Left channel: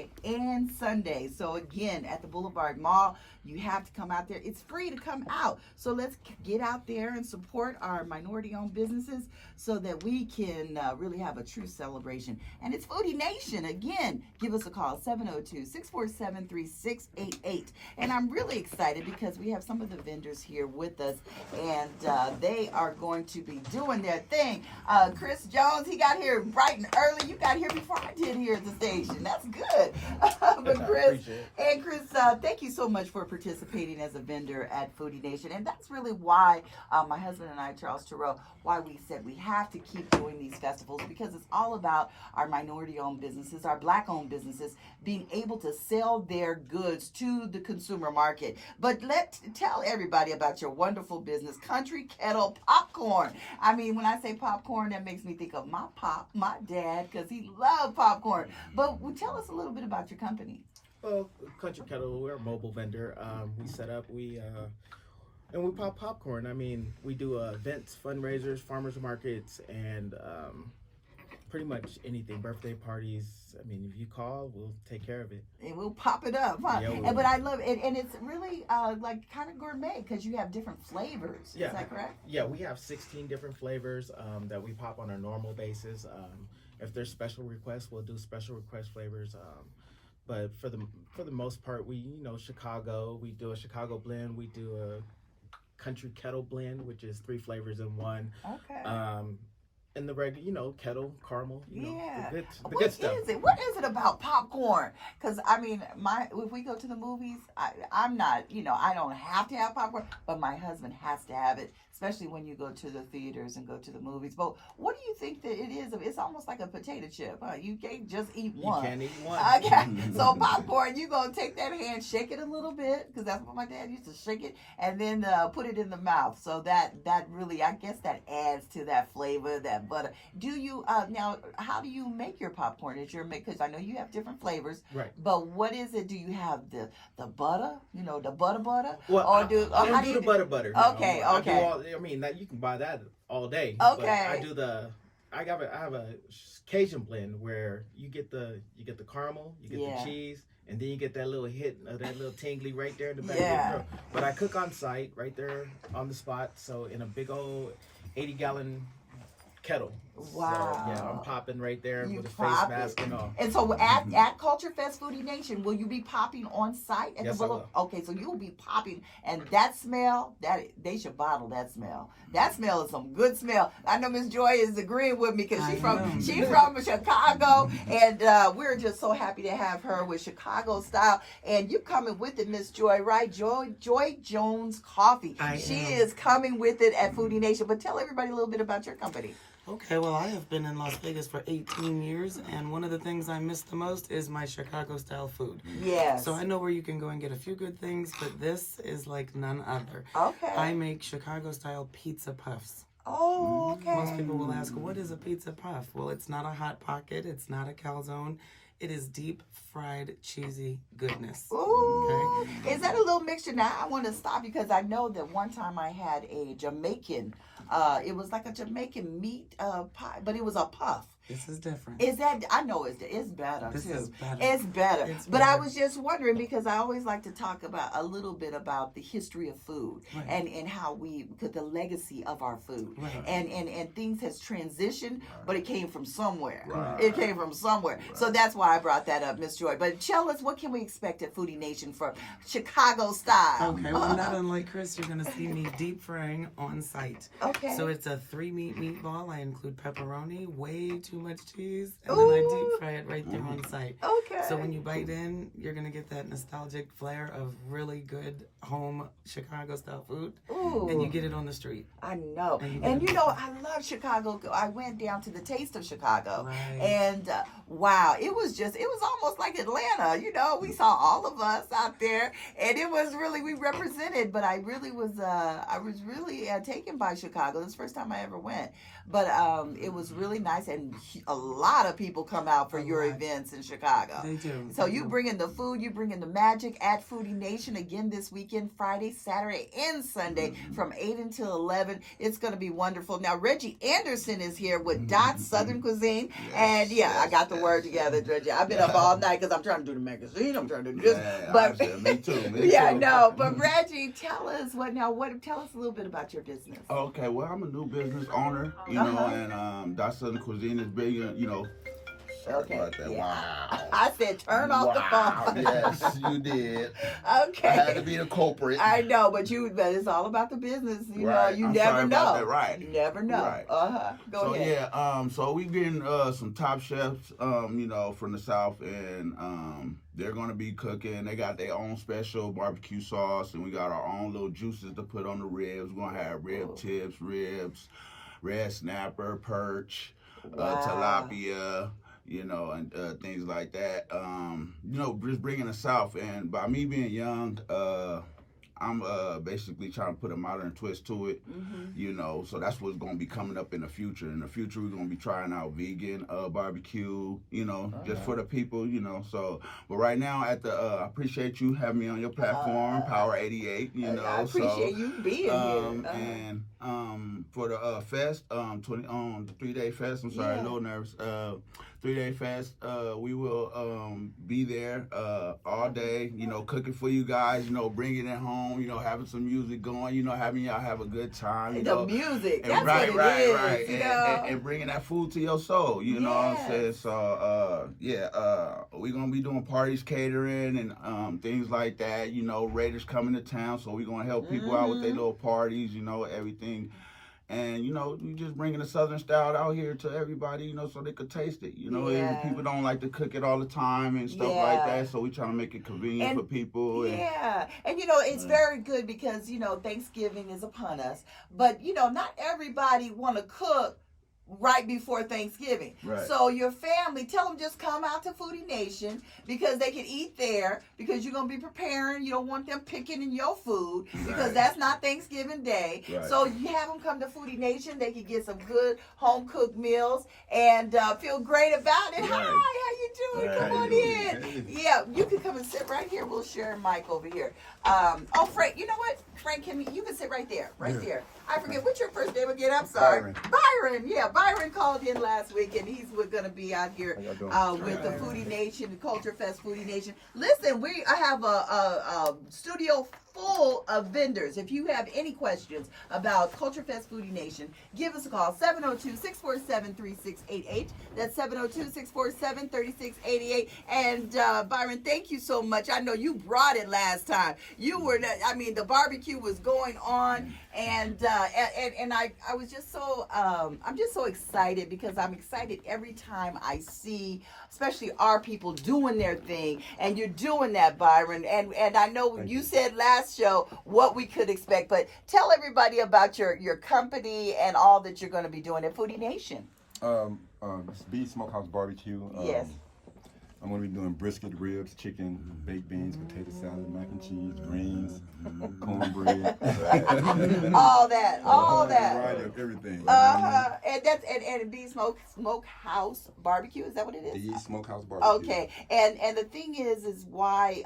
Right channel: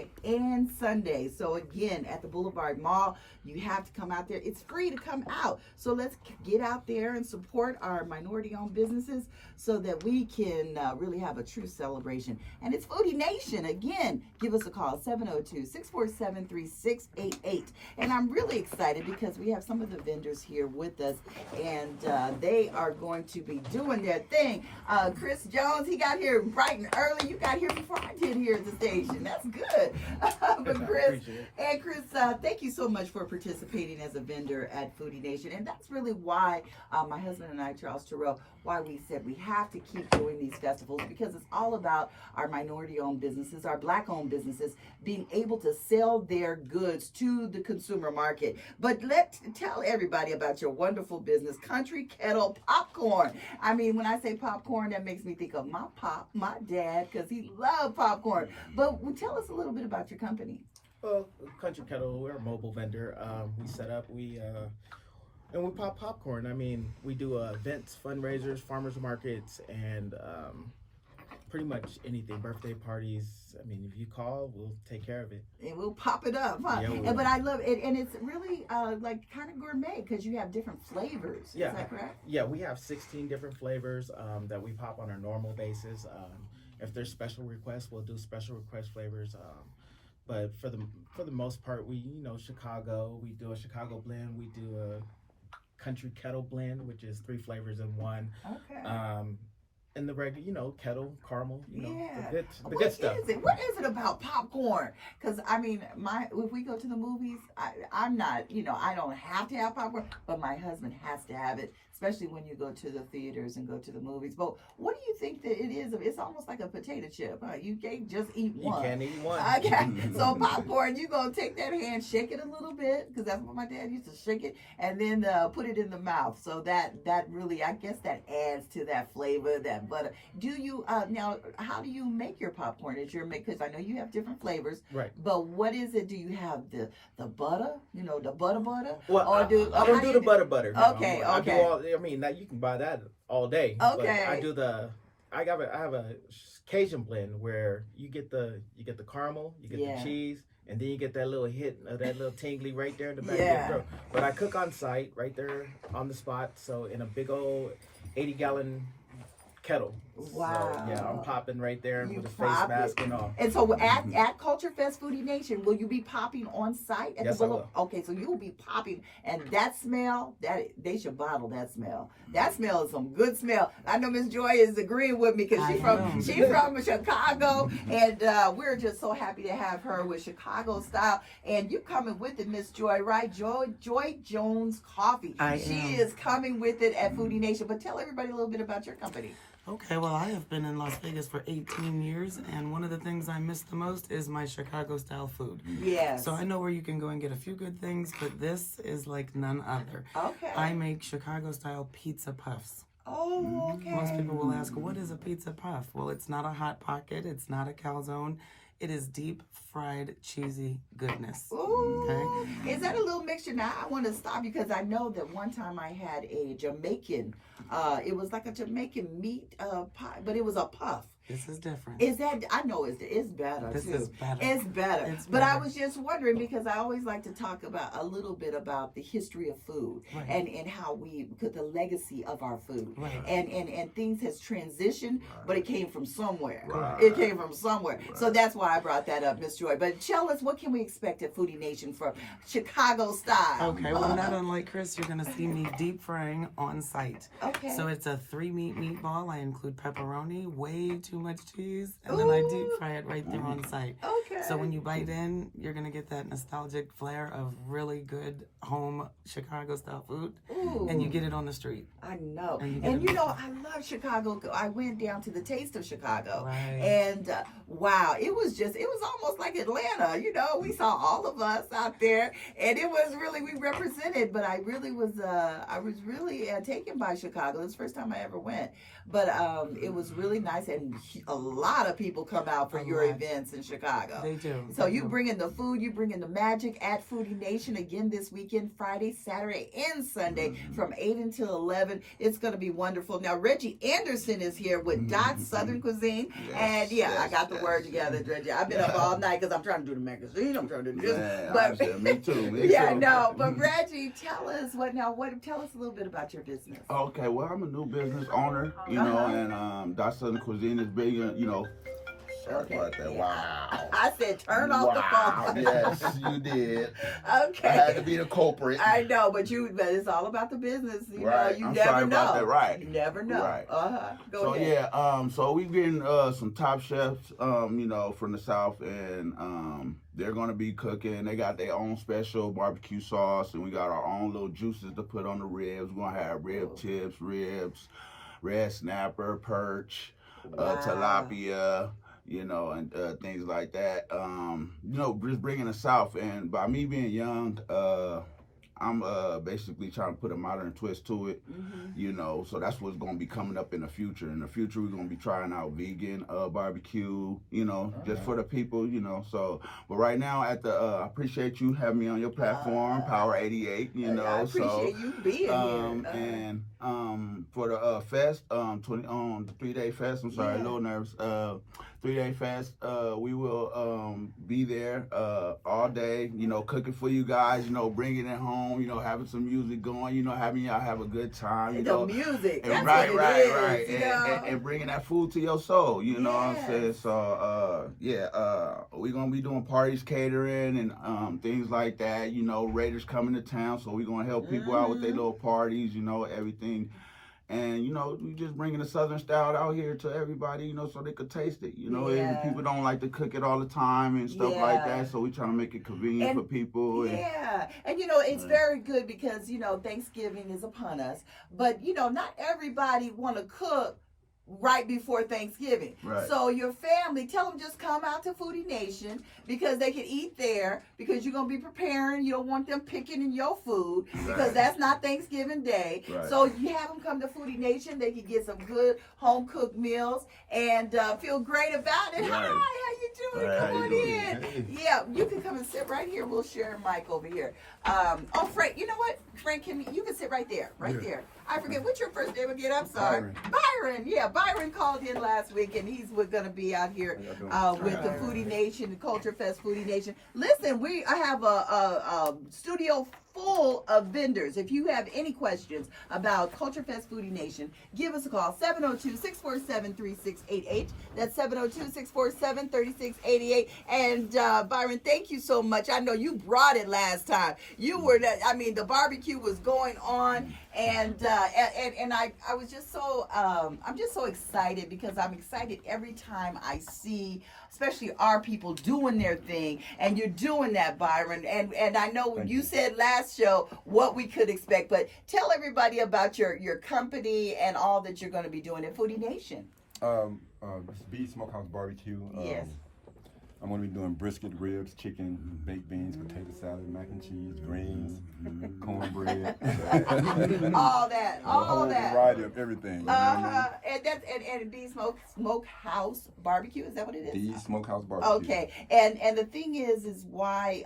Saturday, and Sunday. So again, at the Boulevard Mall, you have to come out there. It's free to come out. So let's get out there and support our minority-owned businesses so that we can really have a true celebration. And it's Foodie Nation. Again, give us a call, 702-647-3688. And I'm really excited because we have some of the vendors here with us, and they are going to be doing their thing. Chris Jones, he got here bright and early. You got here before I did here at the station. That's good. But Chris, thank you so much for participating as a vendor at Foodie Nation. And that's really why my husband and I, Charles Tureaud, why we said we have to keep doing these festivals, because it's all about our minority-owned businesses, our Black-owned businesses, being able to sell their goods to the consumer market. But tell everybody about your wonderful business, Country Kettle Popcorn. I mean, when I say popcorn, that makes me think of my pop, my dad, because he loved popcorn. But tell us a little bit about your company. Well, Country Kettle, we're a mobile vendor. We set up, and we pop popcorn. I mean, we do events, fundraisers, farmers markets, and pretty much anything, birthday parties. I mean, if you call, we'll take care of it. And we'll pop it up, huh? Yeah, but I love it, and it's really like kind of gourmet because you have different flavors. Yeah. Is that correct? Yeah, we have 16 different flavors that we pop on a normal basis. If there's special requests, we'll do special request flavors. But for the most part, Chicago, we do a Chicago blend. We do a Country Kettle blend, which is 3 flavors in one. Okay. And the regular, kettle, caramel, the good stuff. What is it about popcorn? Because, I mean, if we go to the movies, I'm not, I don't have to have popcorn, but my husband has to have it, especially when you go to the theaters and go to the movies. But what do you think that it is? It's almost like a potato chip, huh? You can't just eat one. You can't eat one. Okay, so popcorn, you're going to take that hand, shake it a little bit, because that's what my dad used to shake it, and then put it in the mouth. So that really, I guess that adds to that flavor, that butter. Do you now? How do you make your popcorn? Because I know you have different flavors, right? But what is it? Do you have the butter? The butter? Well, I don't do the butter. Okay, no. okay. I mean, you can buy that all day. Okay. But I have a Cajun blend where you get the caramel, you get the cheese, and then you get that little hit of that little tingly right there in the back of your throat. But I cook on site, right there on the spot. So in a big old 80-gallon kettle. Wow. So, yeah, I'm popping right there with a face mask and all. And so at Culture Fest Foodie Nation, will you be popping on site at yes, the I will. Okay, so you'll be popping, and that smell, they should bottle that smell. That smell is some good smell. I know Miss Joy is agreeing with me because she's from Chicago, and we're just so happy to have her with Chicago style. And you coming with it, Miss Joy, right? Joy Jones Coffee. She is coming with it at Foodie Nation. But tell everybody a little bit about your company. Okay, well, I have been in Las Vegas for 18 years, and one of the things I miss the most is my Chicago-style food. Yes. So I know where you can go and get a few good things, but this is like none other. Okay. I make Chicago-style pizza puffs. Oh, okay. Most people will ask, what is a pizza puff? Well, it's not a Hot Pocket. It's not a calzone. It is deep fried cheesy goodness. Ooh. Okay. Is that a little mixture? Now I want to stop because I know that one time I had a Jamaican. It was like a Jamaican meat pie, but it was a puff. This is different. Is that? I know it's better This too. is better. It's better. It's But I better. was just wondering because I always like to talk about a little bit about the history of food Right. and how we put the legacy of our food. Right. And things has transitioned, but it came from somewhere. Right. It came from somewhere. So that's why I brought that up, Miss Joy. But tell us, what can we expect at Foodie Nation for Chicago style? Okay, well, not unlike Chris, you're going to see me deep frying on site. Okay. So it's a 3-meat meatball. I include pepperoni, way too much cheese, and then I deep fry it right there on site. Okay. So when you bite in, you're going to get that nostalgic flair of really good home Chicago-style food, Ooh. and you get it on the street. I know. And I love Chicago. I went down to the Taste of Chicago. Right. And wow, it was almost like Atlanta. We saw all of us out there. And it was really, we represented. But I was really taken by Chicago. It's the first time I ever went. But it was really nice. And a lot of people come out for your events in Chicago. They do. So you bring in the food, you bring in the magic at Foodie Nation again this weekend, Friday, Saturday, and Sunday from 8 until 11. It's going to be wonderful. Now, Reggie Anderson is here with Dot Southern Cuisine. Yes, And I got the word together, Reggie. I've been up all night because I'm trying to do the magazine. I'm trying to do this. Yeah, but honestly, me too. yeah, I know. But Reggie, tell us tell us a little bit about your business. Okay, well, I'm a new business owner, and Dot Southern Cuisine is big, Sorry about that. Wow. I said turn off the phone. Yes, you did. Okay. I had to be the culprit. I know, but it's all about the business. You Right. know, you I'm never sorry know. about that. Right. You never know. Right. Go ahead. So we getting some top chefs, from the South, and they're gonna be cooking. They got their own special barbecue sauce, and we got our own little juices to put on the ribs. We're gonna have rib tips, ribs, red snapper, perch, tilapia. And things like that. Just bringing the South, and by me being young, I'm basically trying to put a modern twist to it, so that's what's going to be coming up in the future. In the future, we're going to be trying out vegan barbecue, just for the people, but right now I appreciate you having me on your platform, Power 88, I appreciate you being here. And for the fest, the 3-day fest, I'm sorry, a little nervous, 3-day fest, we will be there all day, cooking for you guys, bringing it home, having some music going, having y'all have a good time, the music, and that's right, and bringing that food to your soul, you know what I'm saying? So, we're going to be doing parties, catering, and things like that, Raiders coming to town, so we're going to help people out with their little parties, everything. And, we just bringing the Southern style out here to everybody, so they could taste it. And people don't like to cook it all the time and stuff like that. So we trying to make it convenient for people. And it's very good because, Thanksgiving is upon us. But, not everybody want to cook right before Thanksgiving. Right. So your family, tell them just come out to Foodie Nation because they can eat there because you're going to be preparing. You don't want them picking in your food because that's not Thanksgiving Day. Right. So you have them come to Foodie Nation. They can get some good home-cooked meals and feel great about it. Right. Hi, how you doing? Right, Come how on you in. doing? Yeah, you can come and sit right here. We'll share a mic over here. Frank, you know what? Frank, you can sit right there, there. I forget, what's your first name again? I'm sorry. Byron. Yeah, Byron called in last week, and he's going to be out here with the Foodie Nation, the Culture Fest Foodie Nation. Listen, I have a studio full of vendors. If you have any questions about Culture Fest Foodie Nation, give us a call, 702-647-3688. That's 702-647-3688. And Byron, thank you so much. I know you brought it last time. The barbecue was going on, and I was just so I'm just so excited because I'm excited every time I see especially our people doing their thing, and you're doing that, Byron. And I know you said last show what we could expect, but tell everybody about your company and all that you're going to be doing at Foodie Nation. It's B Smokehouse Barbecue. Yes. I'm going to be doing brisket, ribs, chicken, baked beans, potato salad, mac and cheese, greens, cornbread. all that. A whole variety of everything. You know what I mean? And B Smokehouse Barbecue, is that what it is? B Smokehouse Barbecue. Okay. And the thing is why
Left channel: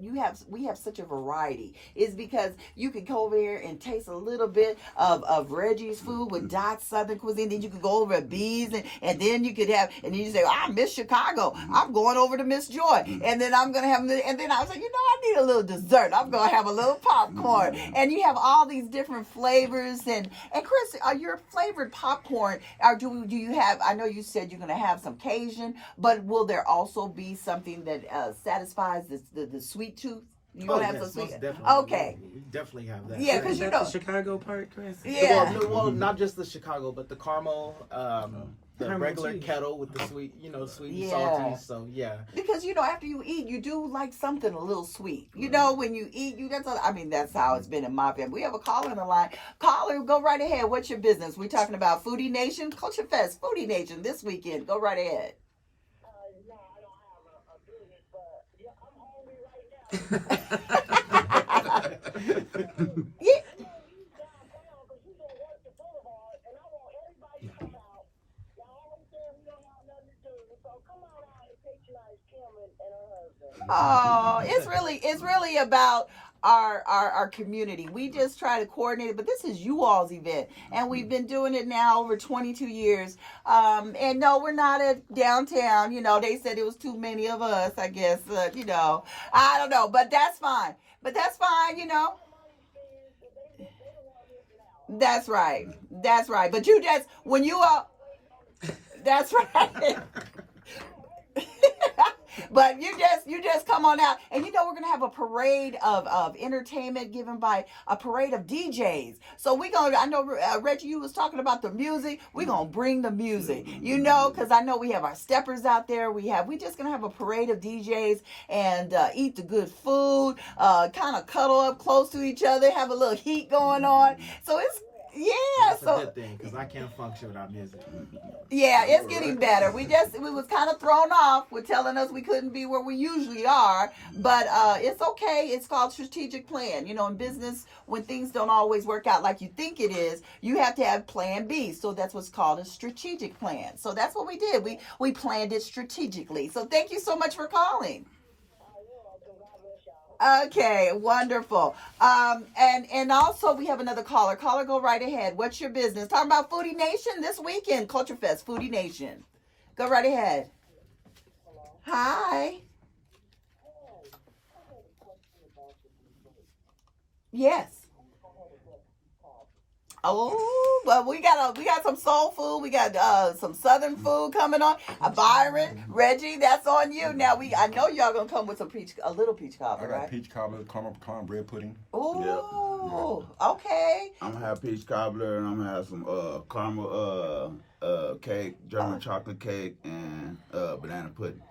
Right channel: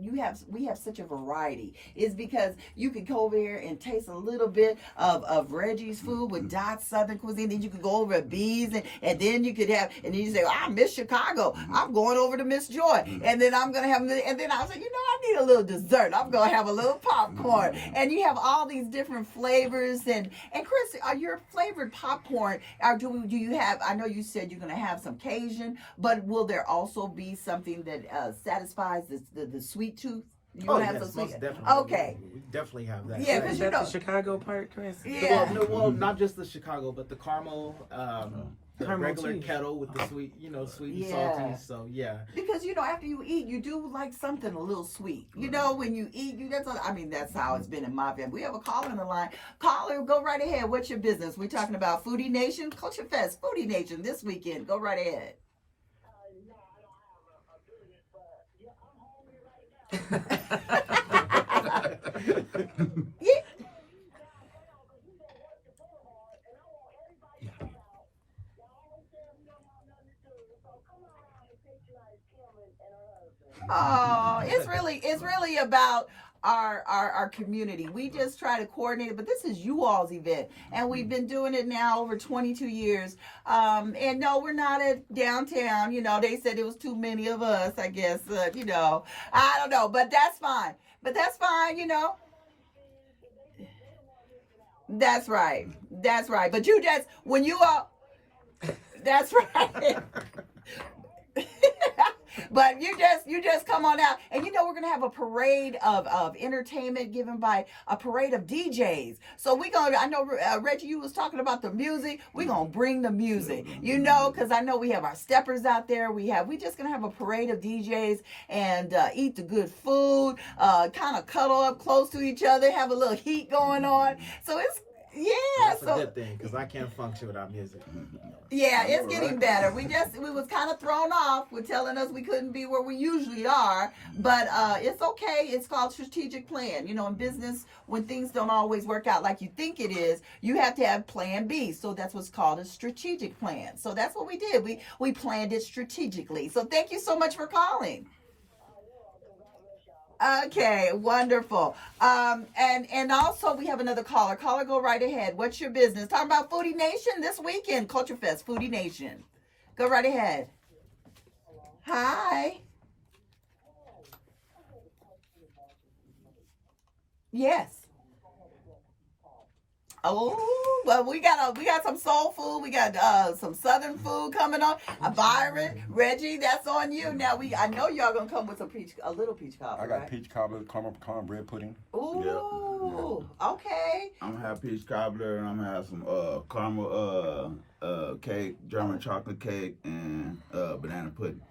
we have such a variety is because you can go over there and taste a little bit of Reggie's food with Dot Southern Cuisine. Then you could go over at B's and then you could have, and then you say, I miss Chicago. I'm going over to Miss Joy. And then I'm going to have, and then I was like, I need a little dessert. I'm going to have a little popcorn. And you have all these different flavors. And Chris, your flavored popcorn, do you have, I know you said you're going to have some Cajun, but will there also be something that satisfies the sweet tooth? You have yes, some sweet. most definitely. Okay. We definitely have that. Yeah, because the Chicago part, Chris. Yeah. Well, not just the Chicago, but the caramel, the Caramel regular cheese. kettle with the sweet, sweet and Yeah. salty. So yeah. Because after you eat, you do like something a little sweet. When you eat, that's how it's been in my family. We have a caller on the line. Caller, go right ahead. What's your business? We're talking about Foodie Nation, Culture Fest, Foodie Nation this weekend. Go right ahead. Yeah. Oh, it's really about our community. We just try to coordinate it, but this is you all's event, and we've been doing it now over 22 years. And no, we're not at downtown. You know, they said it was too many of us. I guess you know, I don't know, but that's fine. But that's fine. You know. That's right. That's right. But you just when you all. That's right. But you just come on out, and you know we're gonna have a parade of entertainment given by a parade of DJs. So we gonna, I know Reggie, you was talking about the music. We gonna bring the music, you know, because I know we have our steppers out there. We just gonna have a parade of DJs and eat the good food, kind of cuddle up close to each other, have a little heat going on. So it's That's a good thing because I can't function without music. Yeah, it's getting better. We was kind of thrown off with telling us we couldn't be where we usually are, but it's okay. It's called strategic plan. You know, in business, when things don't always work out like you think it is, you have to have plan B. So that's what's called a strategic plan. So that's what we did. We planned it strategically. So thank you so much for calling. Okay, wonderful. And also we have another caller. Caller, go right ahead. What's your business? Talking about Foodie Nation this weekend, Culture Fest, Foodie Nation. Go right ahead. Hi. Yes. Oh, but we got some soul food. We got some southern food coming on. Byron, Reggie, that's on you. Now I know y'all gonna come with a little peach cobbler. I got right? peach cobbler, cornbread pudding. Ooh, Yeah. okay. I'm gonna have peach cobbler, and I'm gonna have some caramel cake, German chocolate cake, and banana pudding.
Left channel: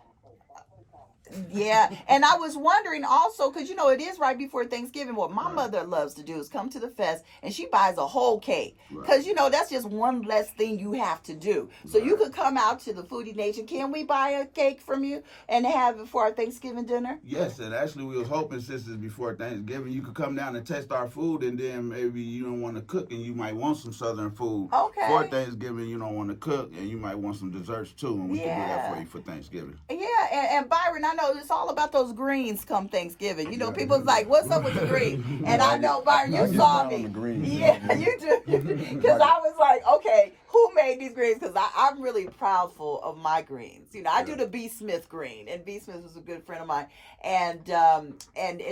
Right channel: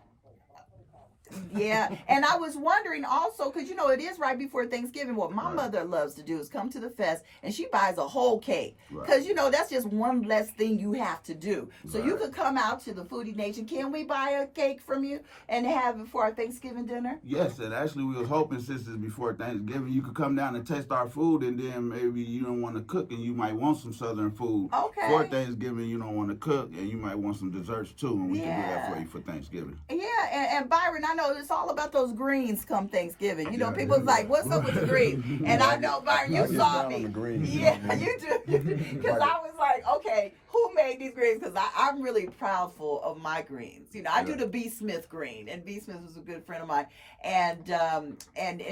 Yeah, and I was wondering also, because you know it is right before Thanksgiving. What my mother loves to do is come to the fest and she buys a whole cake, because you know that's just one less thing you have to do. So you could come out to the Foodie Nation. Can we buy a cake from you and have it for our Thanksgiving dinner? Yes, and actually we was hoping, since it's before Thanksgiving, you could come down and taste our food, and then maybe you don't want to cook and you might want some southern food. Okay. For Thanksgiving, you don't want to cook and you might want some desserts too, and we can do that for you for Thanksgiving. Yeah, and Byron, I know it's all about those greens come Thanksgiving. You know, people's like, what's up with the greens? And I know, Byron, I you get saw down me. on the greens, Yeah, you do. Because I was like, okay, who made these greens? Because I'm really proudful of my greens. You know, I do the B. Smith green, and B. Smith was a good friend of mine, and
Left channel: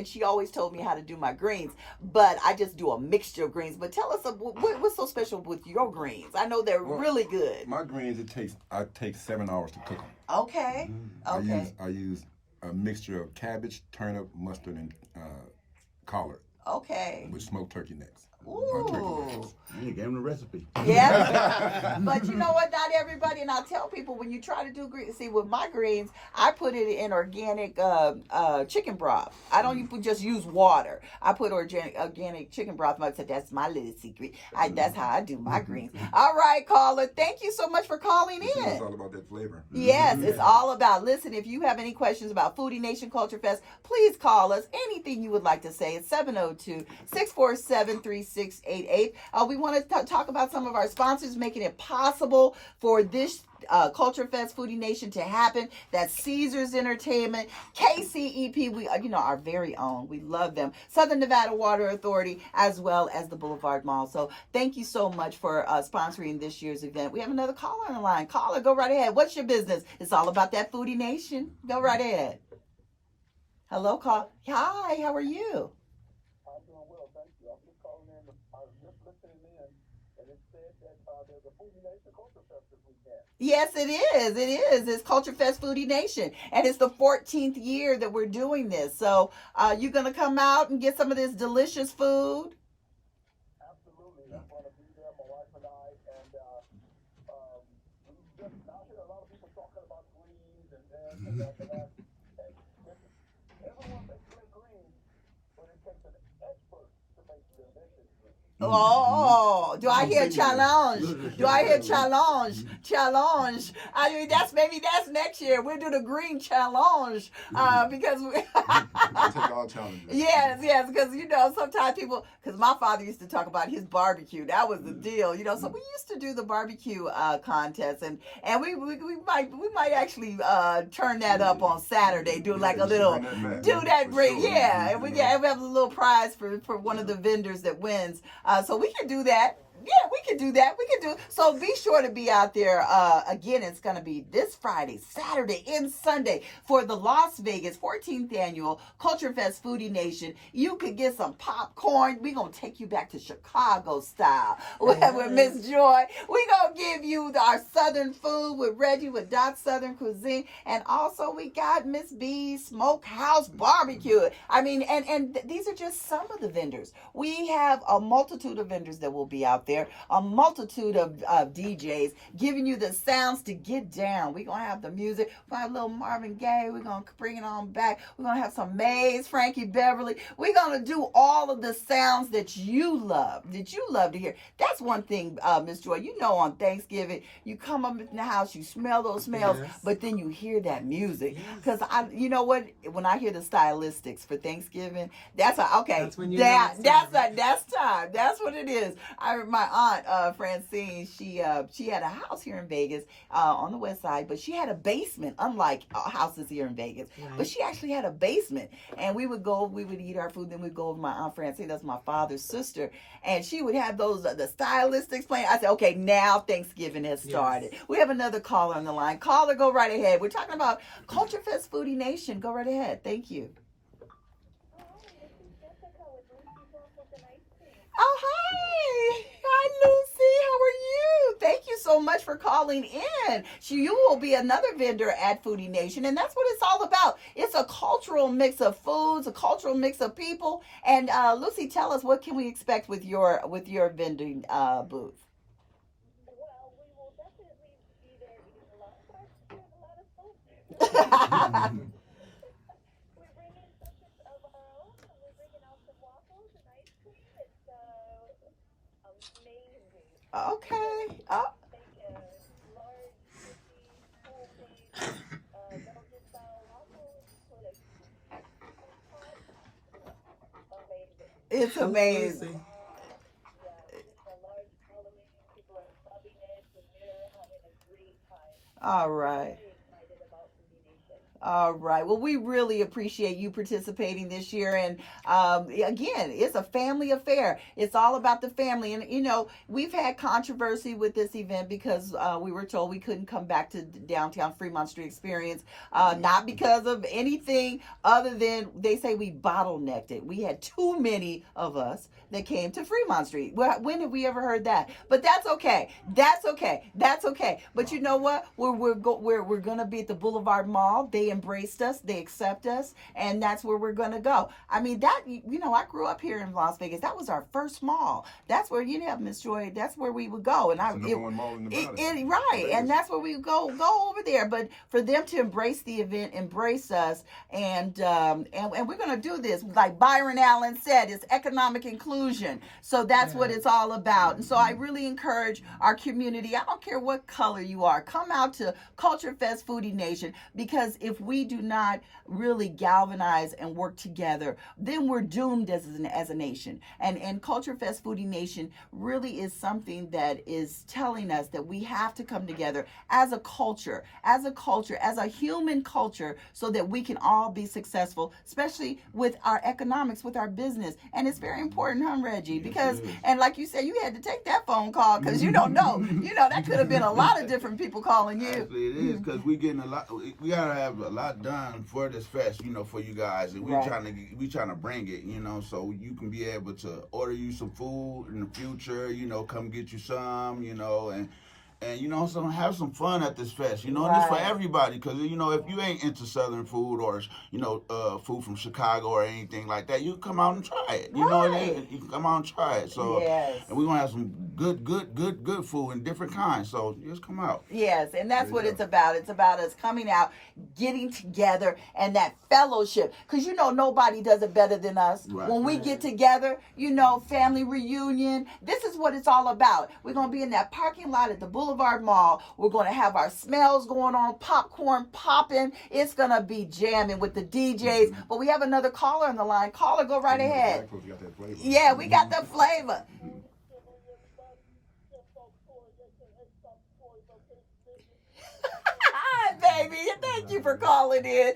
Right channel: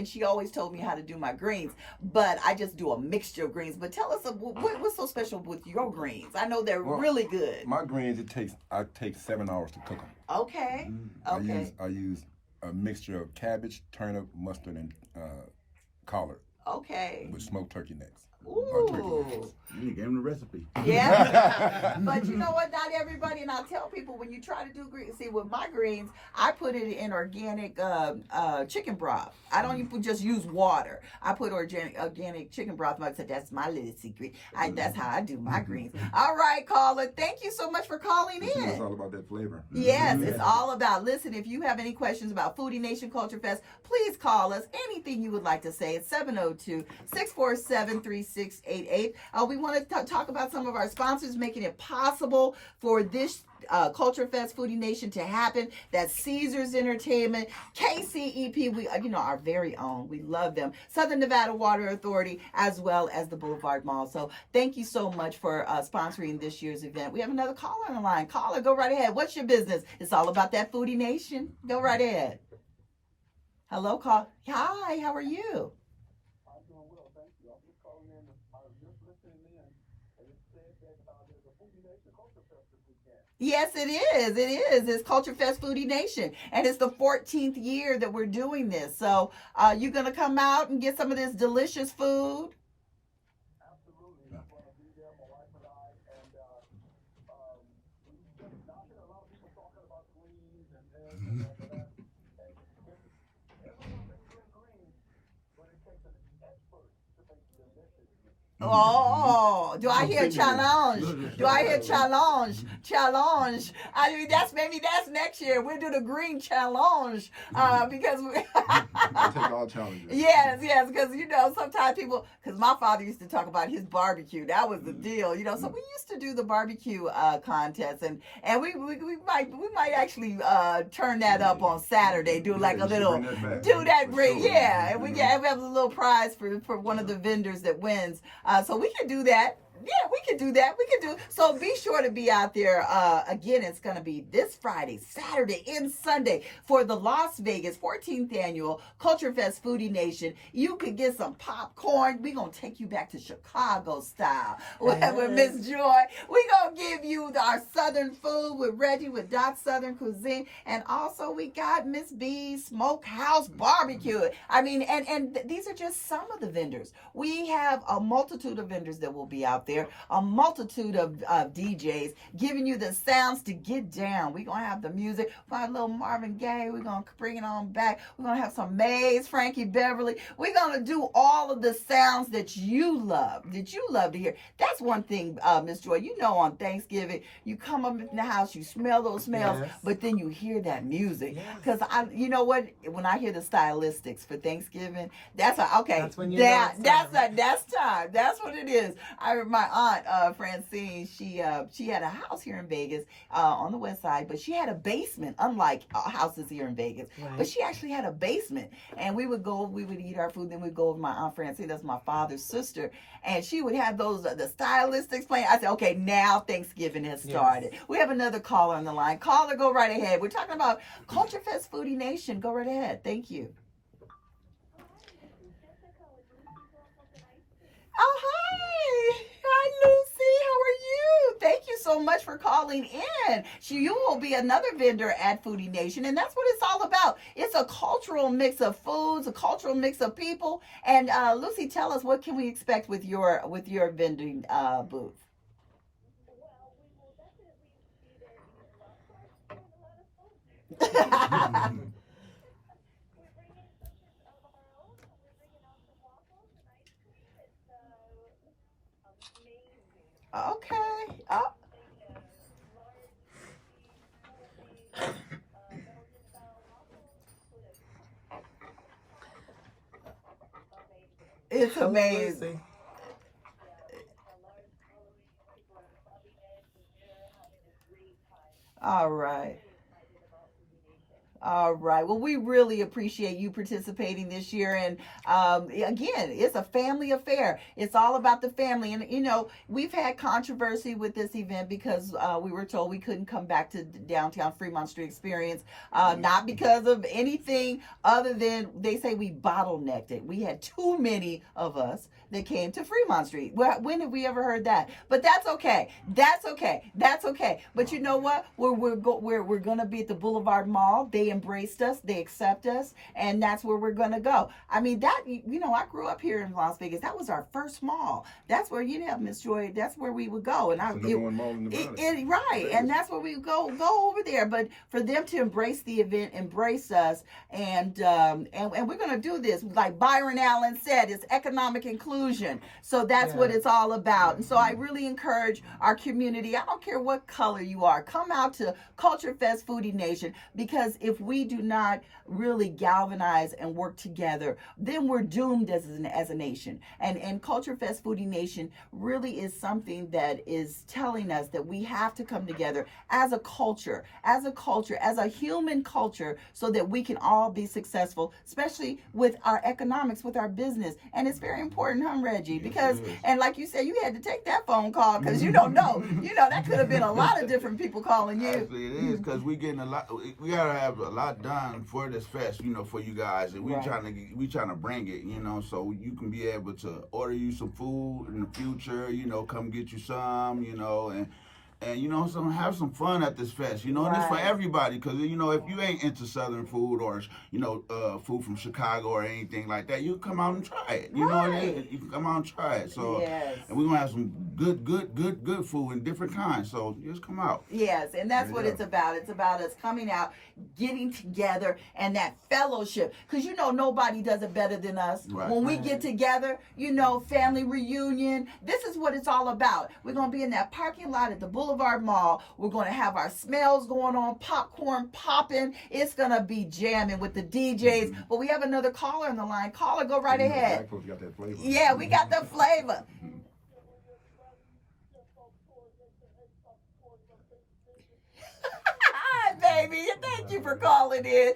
she always told me how to do my greens. But I just do a mixture of greens. But tell us, what's so special with your greens? I know they're really good. My greens, I take 7 hours to cook them. Okay. Okay. I use a mixture of cabbage, turnip, mustard, and collard Okay. with smoked turkey necks. Ooh. You gave him the recipe. Yeah. But you know what? Not everybody, and I tell people when you try to do greens, see with my greens, I put it in organic chicken broth. I don't even just use water. I put organic chicken broth. I said that's my little secret. That's how I do my greens. All right, caller. Thank you so much for calling in. It's all about that flavor. Yes, it's all about. Listen, if you have any questions about Foodie Nation Culture Fest, please call us. Anything you would like to say, it's 702-647-3688. We want to talk about some of our sponsors making it possible for this Culture Fest Foodie Nation to happen. That's Caesars Entertainment, KCEP, we our very own. We love them. Southern Nevada Water Authority, as well as the Boulevard Mall. So thank you so much for sponsoring this year's event. We have another caller on the line. Caller, go right ahead. What's your business? It's all about that Foodie Nation. Go right ahead. Hello, call. Hi, how are you? I'm doing well, thank you. I'm just calling in. I was just listening in, and it said that there's a Foodie Nation Culture Fest this weekend. Yes, it is. It is. It's Culture Fest Foodie Nation, and it's the 14th year that we're doing this. So, you're gonna come out and get some of this delicious food. Absolutely, I'm going to be there. My wife and I, and we've just now hear a lot of people talking about greens and that. And everyone makes great greens, but it takes an expert to make delicious greens. Oh, do I hear challenge? Do I hear challenge? Challenge. I mean, that's next year. We'll do the green challenge because we Take all challenges. yes, because sometimes people, because my father used to talk about his barbecue. That was the deal, So we used to do the barbecue contest, and we might actually turn that up on Saturday. Do like a little and we have a little prize for one of the vendors that wins. So we can do that. Yeah, we can do that. So be sure to be out there. Again, it's going to be this Friday, Saturday, and Sunday for the Las Vegas 14th Annual Culture Fest Foodie Nation. You could get some popcorn. We're going to take you back to Chicago style with Miss Joy. We're going to give you our Southern food with Reggie with Dot Southern Cuisine. And also we got Miss B's Smokehouse Barbecue. I mean, and these are just some of the vendors. We have a multitude of vendors that will be out there, a multitude of DJs giving you the sounds to get down. We're going to have the music. We're going to have a little Marvin Gaye. We're going to bring it on back. We're going to have some Maze, Frankie Beverly. We're going to do all of the sounds that you love to hear. That's one thing, Miss Joy, on Thanksgiving, you come up in the house, you smell those smells, but then you hear that music. Because you know what? When I hear the stylistics for Thanksgiving, that's time. That's what it is. My aunt Francine, she had a house here in Vegas on the west side, but she had a basement, unlike houses here in Vegas. Right. But she actually had a basement, and we would eat our food, then we'd go with my aunt Francine, that's my father's sister, and she would have those the stylistics playing. I said, okay, now Thanksgiving has started. Yes. We have another caller on the line. Caller, go right ahead. We're talking about Culture Fest Foodie Nation. Go right ahead. Thank you. Oh, hi. Hi, Lucy. How are you? Thank you so much for calling in. You will be another vendor at Foodie Nation, and that's what it's all about. It's a cultural mix of foods, a cultural mix of people. And Lucy, tell us, what can we expect with your vending booth? Well, we will definitely be there eating a lot of food. We're bringing dishes of our own, and we're bringing out some waffles and ice cream. It's amazing. Okay. Oh. Large, homemade, Belgian-style waffles with a amazing. It's amazing. All right. All right. Well, we really appreciate you participating this year. And again, it's a family affair. It's all about the family. And, we've had controversy with this event because we were told we couldn't come back to downtown Fremont Street Experience, not because of anything other than they say we bottlenecked it. We had too many of us that came to Fremont Street. When have we ever heard that? But that's okay. That's okay. But you know what? We're going to be at the Boulevard Mall. They embraced us. They accept us. And that's where we're going to go. I mean, I grew up here in Las Vegas. That was our first mall. That's where, Miss Joy, that's where we would go. And right. And that's where we would go over there. But for them to embrace the event, embrace us, and we're going to do this. Like Byron Allen said, it's economic inclusion. So that's what it's all about. And so I really encourage our community, I don't care what color you are, come out to Culture Fest Foodie Nation, because if we do not really galvanize and work together, then we're doomed as a nation. And Culture Fest Foodie Nation really is something that is telling us that we have to come together as a culture, as a human culture, so that we can all be successful, especially with our economics, with our business. And it's very important, huh, Reggie? Because, and like you said, you had to take that phone call because you don't know. That could have been a lot of different people calling you. Actually, it is, because we getting a lot. We gotta have a lot done for this fest, for you guys, and we trying to bring it, so you can be able to order you some food in the future, come get you some, And so have some fun at this fest, and it's for Right. everybody. Because if you ain't into Southern food or food from Chicago or anything like that, you can come out and try it. Right. You can come out and try it. So, Yes. and we're gonna have some good food in different kinds. So just come out. Yes, and that's what Yeah. it's about. It's about us coming out, getting together, and that fellowship. Because nobody does it better than us. Right. When we get together, family reunion. This is what it's all about. We're going to be in that parking lot at the Boulevard Mall. We're going to have our smells going on, popcorn popping. It's going to be jamming with the DJs. But we have another caller on the line. Caller, go right ahead. Black folks got that flavor. Yeah, we got the flavor. Hi, baby. Thank you for calling in.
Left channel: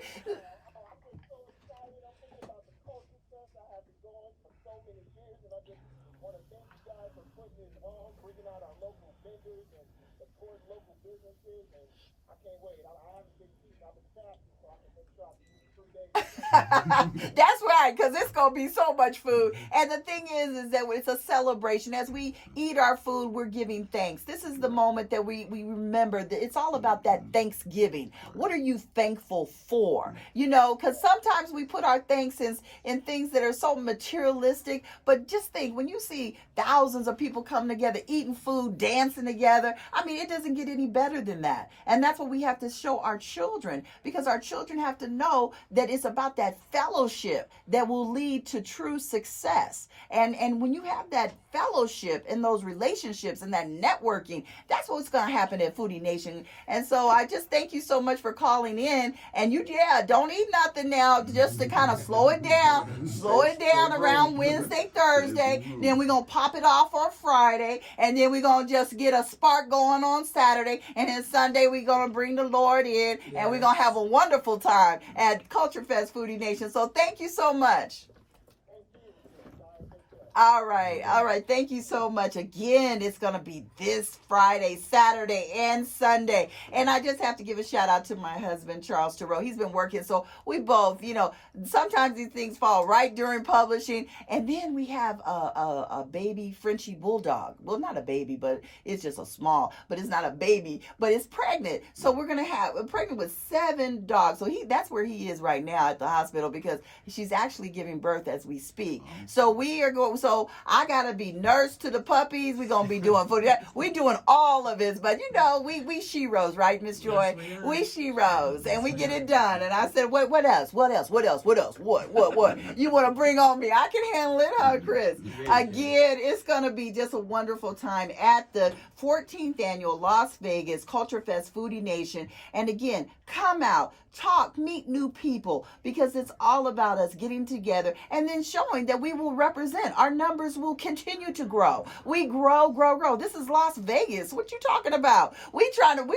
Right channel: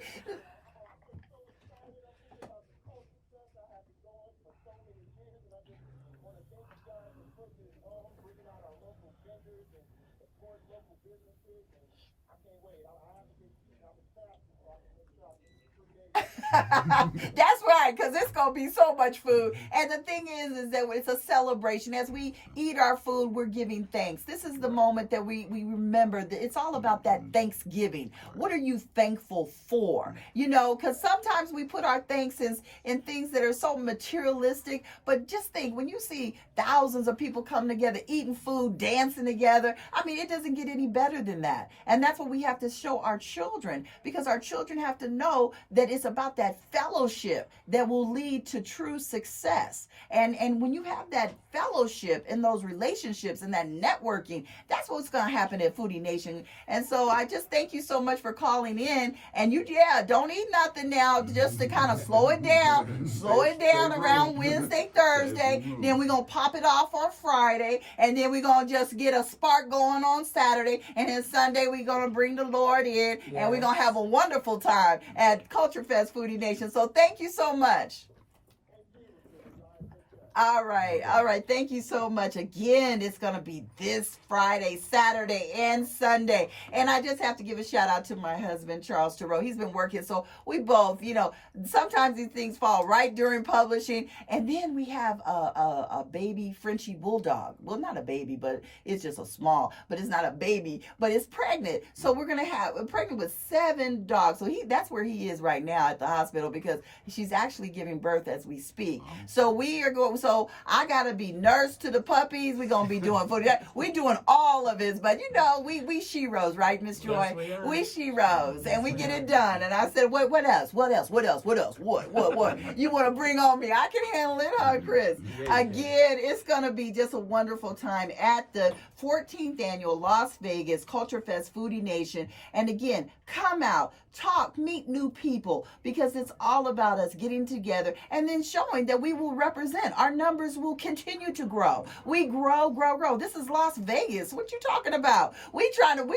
That's right, because it's going to be so much food. And the thing is that it's a celebration. As we eat our food, we're giving thanks. This is the moment that we remember that it's all about that Thanksgiving. What are you thankful for? Because sometimes we put our thanks in things that are so materialistic. But just think, when you see thousands of people come together, eating food, dancing together, it doesn't get any better than that. And that's what we have to show our children, because our children have to know that it's about that fellowship that will lead to true success. And when you have that fellowship and those relationships and that networking, that's what's going to happen at Foodie Nation. And so I just thank you so much for calling in. And don't eat nothing now, just to kind of slow it down around Wednesday, Thursday. Then we're going to pop it off on Friday. And then we're going to just get a spark going on Saturday. And then Sunday, we're going to bring the Lord in. And we're going to have a wonderful time at Culture Fest Foodie Nation. So thank you so much. All right. Thank you so much. Again, it's going to be this Friday, Saturday, and Sunday. And I just have to give a shout out to my husband, Charles Tureaud. He's been working. So we both, sometimes these things fall right during publishing. And then we have a baby Frenchie bulldog. Well, not a baby, but it's just but it's not a baby, but it's pregnant. So we're pregnant with 7 dogs. So that's where he is right now at the hospital, because she's actually giving birth as we speak. So so I gotta be nurse to the puppies. We're gonna be doing food. We're doing all of it, but we she-ros, right, Miss Joy? Yes, we she-ros, and we get it done. And I said, what else? What? You want to bring on me? I can handle it, huh, Chris? Again, it's gonna be just a wonderful time at the 14th annual Las Vegas Culture Fest Foodie Nation. And again, come out, talk, meet new people, because it's all about us getting together and then showing that we will represent. Our numbers will continue to grow. We grow. This is Las Vegas. What you talking about? We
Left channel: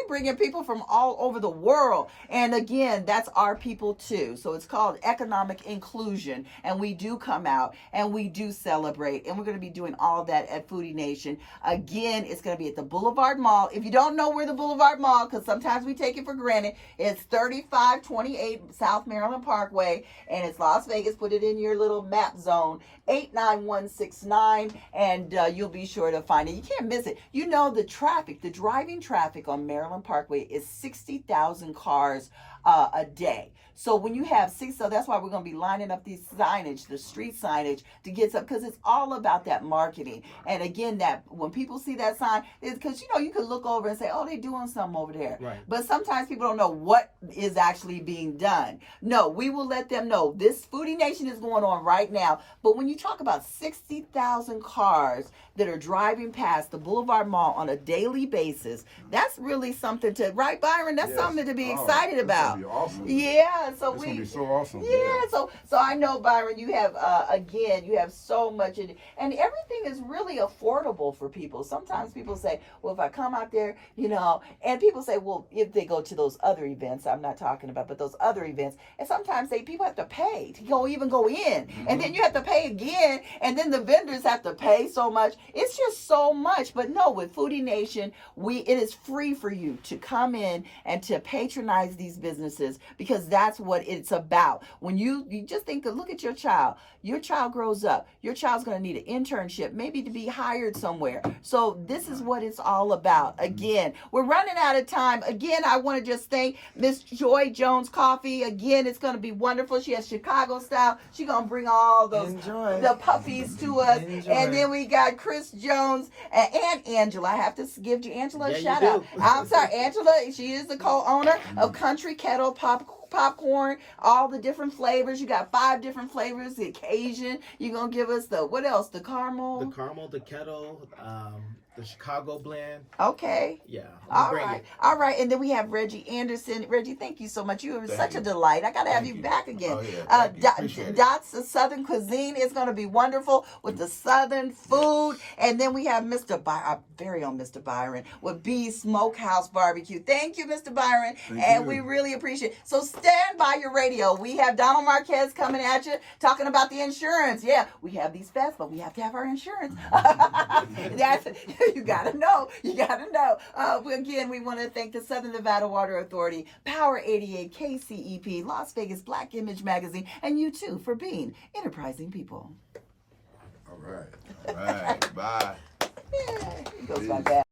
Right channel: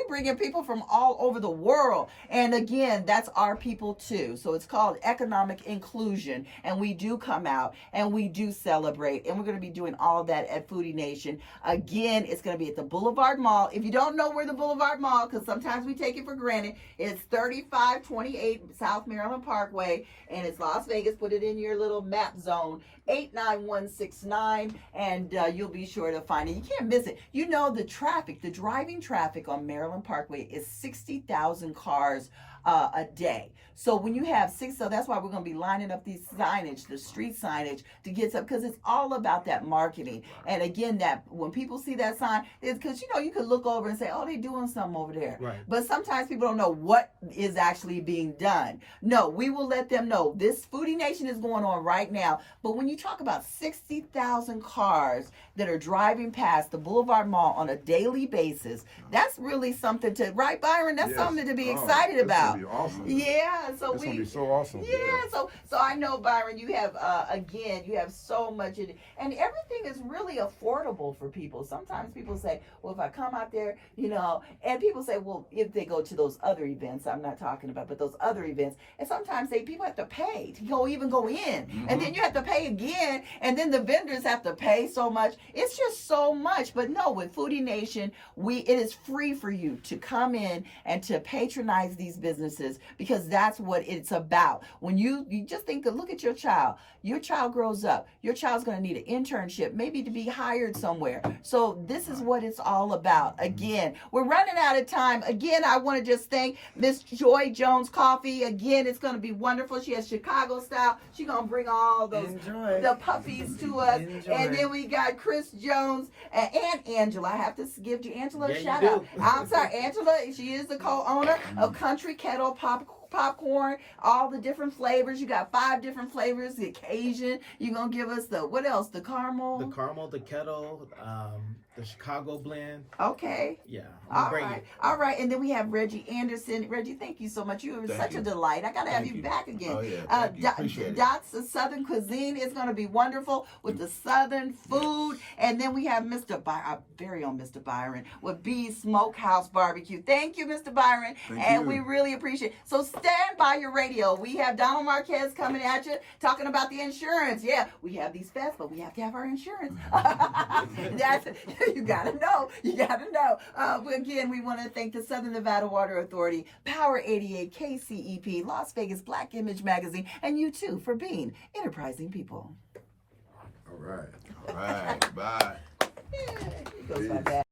bringing people from all over the world. And again, that's our people too. So it's called economic inclusion. And we do come out and we do celebrate. And we're going to be doing all of that at Foodie Nation. Again, it's going to be at the Boulevard Mall. If you don't know where the Boulevard Mall, because sometimes we take it for granted, it's 3528 South Maryland Parkway, and it's Las Vegas. Put it in your little map zone, 89169, and you'll be sure to find it. You can't miss it. The driving traffic on Maryland Parkway is 60,000 cars a day. So when you have so that's why we're going to be lining up these signage, the street signage, to get some, because it's all about that marketing. And again, that when people see that sign, it's because, you could look over and say, oh, they're doing something over there. Right. But sometimes people don't know what is actually being done. No, we will let them know this Foodie Nation is going on right now. But when you talk about 60,000 cars that are driving past the Boulevard Mall on a daily basis, that's really something right, Byron? That's something to be excited about. It's gonna be awesome. Yeah. So It's gonna be so awesome. Yeah. So I know, Byron, you have you have so much in it, and everything is really affordable for people. Sometimes people say, well, if I come out there, and people say, well, if they go to those other events, I'm not talking about, but those other events, and sometimes people have to pay to go in, and then you have to pay again, and then the vendors have to pay so much. It's just so much. But no, with Foodie Nation, it is free for you to come in and to patronize these businesses, because that's that's what it's about. When you just think, look at your child. Your child grows up. Your child's going to need an internship, maybe to be hired somewhere. So this is what it's all about. Again, we're running out of time. Again, I want to just thank Miss Joy Jones Coffee. Again, it's going to be wonderful. She has Chicago style. She's going to bring all those the puppies to us. And then we got Chris Jones and Angela. I have to give you Angela a shout out. I'm sorry, Angela. She is the co-owner of Country Kettle Popcorn, all the different flavors. You got 5 different flavors. The Cajun. You're going to give us the, what else? The caramel? The caramel, the kettle, the Chicago blend. Okay. Yeah. All right. And then we have Reggie Anderson. Reggie, thank you so much. You were such a delight. I got to have you back again. Oh, yeah. Appreciate it. Dots of Southern Cuisine is going to be wonderful with the Southern food. And then we have our very own Mr. Byron with B's Smokehouse Barbecue. Thank you, Mr. Byron. We really appreciate it. So stand by your radio. We have Donald Marquez coming at you talking about the insurance. Yeah, we have these fests, but we have to have our insurance. You gotta know. Again, we want to thank the Southern Nevada Water Authority, Power 88, KCEP, Las Vegas Black Image Magazine, and you too for being enterprising people. All right. Bye. Here goes my dad.